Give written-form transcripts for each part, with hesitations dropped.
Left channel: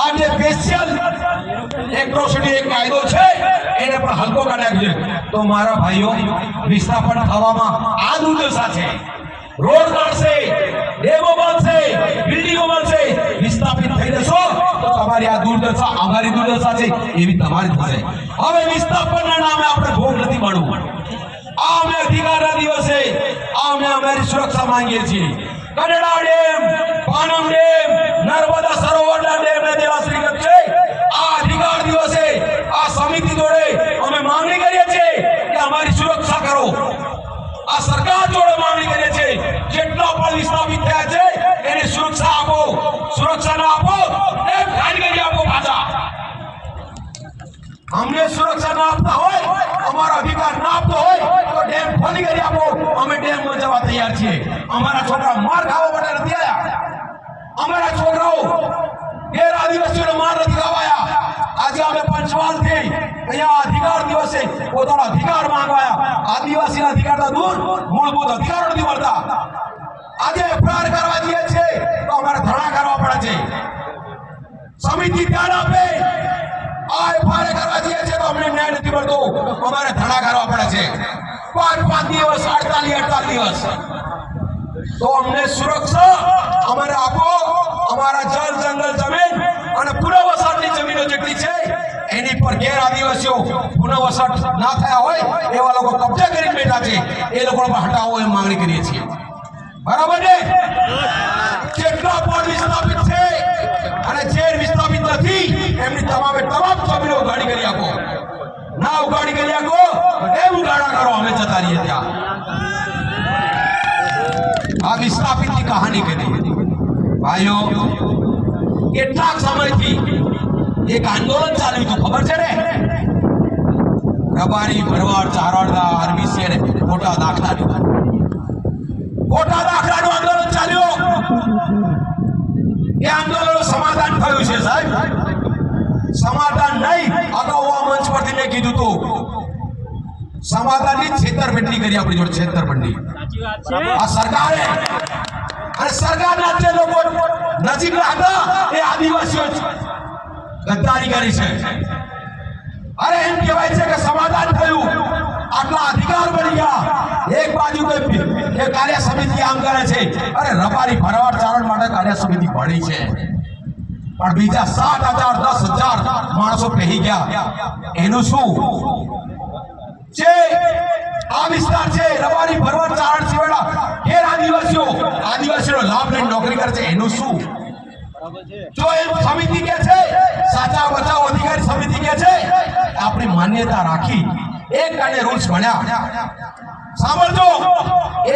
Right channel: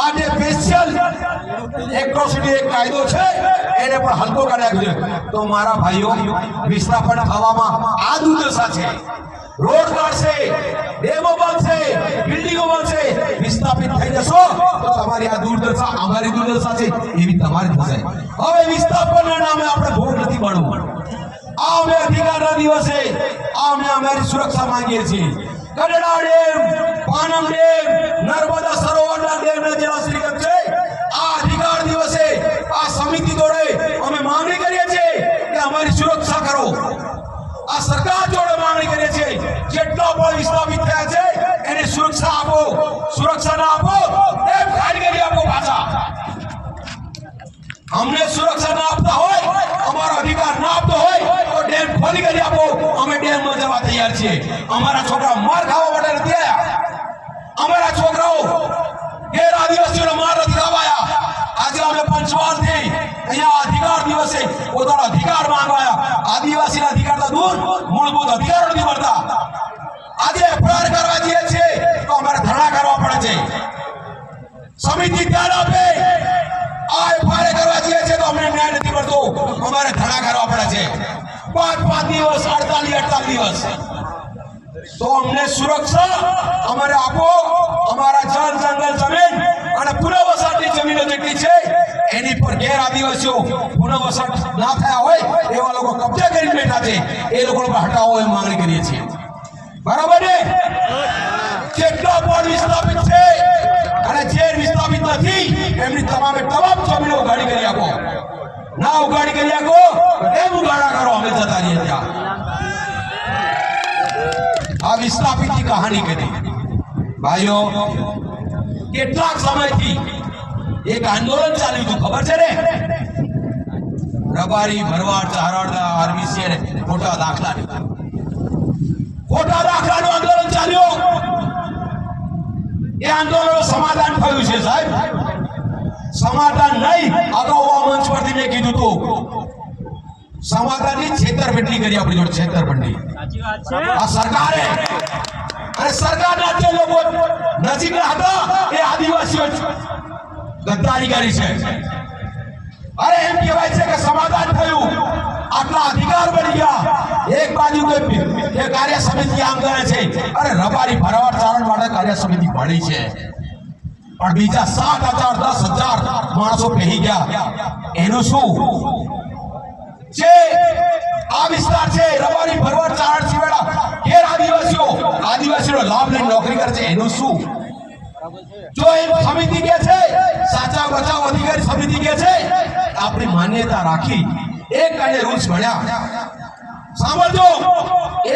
આ જે special atrocity એક કાયદો છે એને પણ હલકો કાઢ્યા છે. તો મારા ભાઈઓ વિસ્થાપન થવામાં આ દુર્દશા છે. રોડ કાઢશે, ડેમો બનશે, બિલ્ડિંગો બનશે, વિસ્થાપિત થઈ જશો તો તમારી આ દુર્દશા અમારી દુર્દશા છે એવી તમારી થશે. હવે વિસ્થાપનના નામે આપણે ભોગ નથી મળવું. આ અમે અધિકારના દિવસે અમે અમારી સુરક્ષા માંગીએ છીએ. કડેડા ડેમ, પાનમ ડેમ, નર્મદા સરોવરના ડેમને જેવા શ્રીગત છે. આ અધિકાર દિવસે આ સમિતિ જોડે અમે માંગણી કરીએ છીએ કે અમારી સુરક્ષા કરો. આ સરકાર જોડે માંગણી કરીએ છીએ જેટલા પણ વિસ્થાપિત થયા છે એને સુરક્ષા આપો. સુરક્ષા ના આપો ડેમ ખાલી કરી આપો પાછા. અમને સુરક્ષા ના આપતા હોય, અમારો અધિકાર ના આપતો હોય તો ડેમ ખાલી કરી આપો. અમે ડેમ માં જવા તૈયાર છીએ. અમારા છોકરા માર ખાવા માટે નથી આવ્યા. અમારા છોકરાઓ ગેર આદિવાસીઓનો માર નથી ખાવાયા. આજે અમે પંચમહાલથી અહીંયા અધિકાર દિવસે પોતાનો અધિકાર માંગવાયા. આદિવાસીના અધિકાર તો દૂર, મૂળભૂત અધિકાર નથી મળતા. આજે એફઆઈઆર કરવા જઈએ છે તો અમારે ધરણા કરવા પડે છે. સમિતિ ધ્યાન આપે. આ એફઆઈઆર કરવા જઈએ છે તો અમને ન્યાય નથી મળતો, અમારે ધરણા કરવા પડે છે. 5 દિવસ, 48 દિવસ. તો અમને સુરક્ષા અમારે આપો. અમારા જળ, જંગલ, જમીન અને પુનઃવસાહતની જમીનો જેટલી છે એની પર ગેર આદિવાસીઓ પુનઃવસાહત ના થયા હોય એવા લોકો કબજા કરી બેઠા છે, એ લોકોને હટાવો એ માંગણી કરીએ છીએ. બરાબર ને? કેટલા પણ વિસ્થાપિત છે અને જે વિસ્થાપિત નથી એમની તમામ જમીનો ઉગાડી કરી આપો. ના ઉગાડી કરી આપો એમ ઉગાડા કરો, અમે જતા રહીએ ત્યાં. આ વિસ્થાપિતની કહાની કરી ભાઈઓ. કેટલાક સમયથી એક આંદોલન ચાલ્યું હતું, ખબર છે ને? રબારી, ભરવાડ, ચારણના, આરબીસી અને ખોટા દાખલાનું આંદોલન ચાલ્યું. એ આંદોલનનું સમાધાન થયું છે સાહેબ. સમાધાન નહીં, અગાઉ આ મંચ પરથી મેં કીધું હતું સમાધાનની છેતરપિંડી કરી આપણી જોડે. છેતરપિંડી આ સરકારે અને સરકારના જે લોકો નજીકના હતા એ આદિવાસીઓ ગદ્દારી કરી છે. અરે એમ કહેવાય છે કે સમાધાન થયું, આટલા અધિકાર બની ગયા. એક બાજુ કે કાર્ય સમિતિ આમ કરે છે, અરે રબારી, ભરવાડ, ચારણ માટે કાર્ય સમિતિ ભણી છે, પણ બીજા 7,000 10,000 માણસો પહેરી ગયા. એનું શું? જે આ વિસ્તાર છે રબારી, ભરવાડ, ચારણ સિવાય ગેર આદિવાસીઓ લાભ લઈને નોકરી કરે છે, એનું શું? જો એ સમિતિ કે છે સાચા બચાવ અધિકારી સમિતિ કે છે આપણી માન્યતા રાખી એક કાને રૂલ્સ ભણ્યા. સાંભળજો,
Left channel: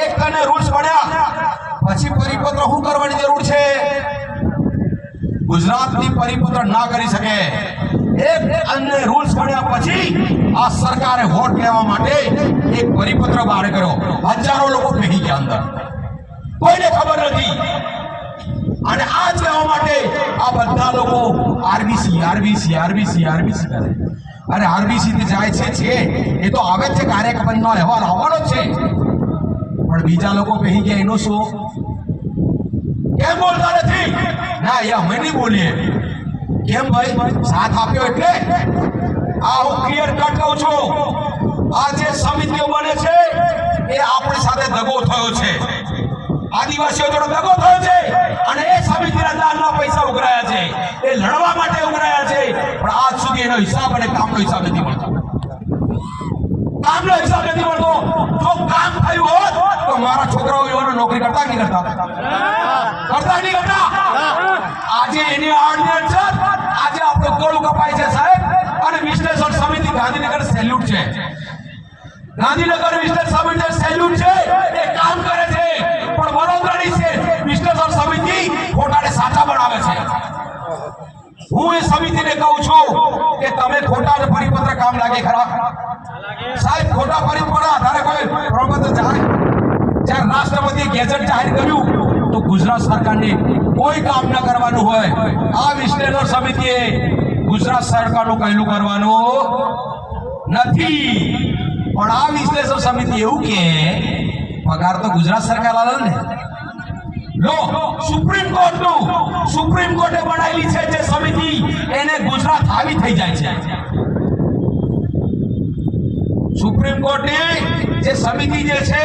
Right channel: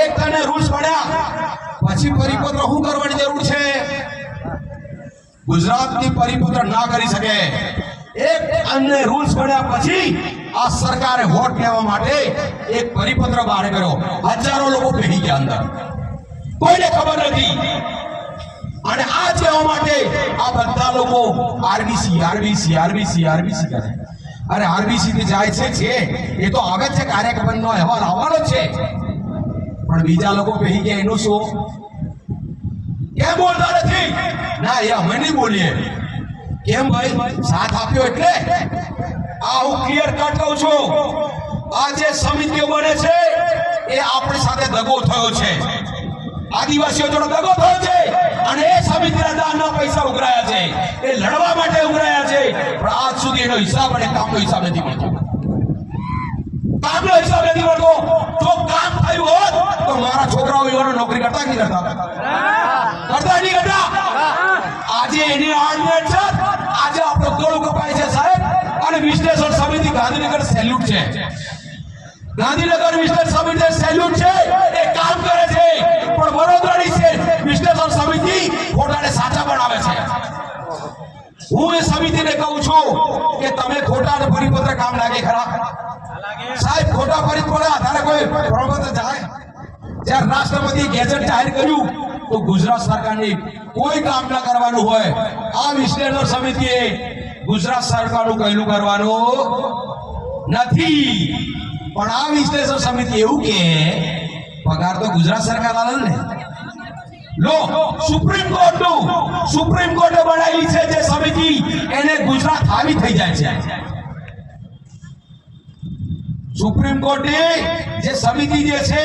એક કાને રૂલ્સ ભણ્યા પછી પરિપત્ર શું કરવાની જરૂર છે? ગુજરાતની પરિપત્ર ના કરી શકે. એક અન્ય રૂલ્સ ભણ્યા પછી આ સરકારે વોટ લેવા માટે એક પરિપત્ર બહાર કર્યો. હજારો લોકો બેહી ગયા અંદર, કોઈને ખબર નથી. અને આ કહેવા માટે આ બધા લોકો આરબીસી કરે. અરે આરબીસી થી જાય છે એ તો આવે છે, કાર્યક્રમનો અહેવાલ આવવાનો છે, પણ બીજા લોકો બેહી ગયા એનું શું? કેમ બોલતા નથી? ના, એ અમે નહીં બોલીએ. કેમ ભાઈ? સાથ આપ્યો એટલે. આ હું ક્લિયર કટ કહું છું. આ જે સમિતિઓ બને છે એ આપણી સાથે દગો થયો છે, આદિવાસીઓ જોડે દગો થયો છે. અને એ સમિતિના દાનના પૈસા ઉઘરાયા છે, એ લડવા માટે ઉઘરાયા છે, પણ આજ સુધી એનો હિસાબ અને કામનો હિસાબ નથી મળતો. કામનો હિસાબ નથી મળતો. જો કામ થયું હોત તો મારા છોકરાઓ એવાનો નોકરી કરતા નહીં કરતા? આજે એને આર્ડિનન્સ છે, આજે આપણો ગળું કપાય છે સાહેબ. અને વિશ્લેષણ સમિતિ ગાંધીનગર સેલ્યુટ છે. ગાંધીનગર વિશ્લેષણ સમિતિ સેલ્યુટ છે, એ કામ કરે છે. પણ વડોદરાની છે વિશ્લેષણ સમિતિ ખોટાને સાચા બનાવે છે. હું એ સમિતિને કહું છું કે તમે ખોટા પરિપત્ર કામ લાગે ખરા સાહેબ? ખોટા પરિપત્ર આધારે કોઈ પ્રપત્ર જાય? જ્યારે રાષ્ટ્રપતિએ ગેઝેટ જાહેર કર્યું તો ગુજરાત સરકારની કોઈ કામ ન કરવાનું હોય, આ વિશ્લેષણ સમિતિએ ગુજરાત સરકારનું કહેલું કરવાનું નથી. પણ આ વિશ્લેષણ સમિતિ એવું કે પગાર તો ગુજરાત સરકાર આલે ને. લો, સુપ્રીમ કોર્ટે બનાવેલી છે જે સમિતિ થઈ જાય છે. સુપ્રીમ કોર્ટની જે સમિતિ જે છે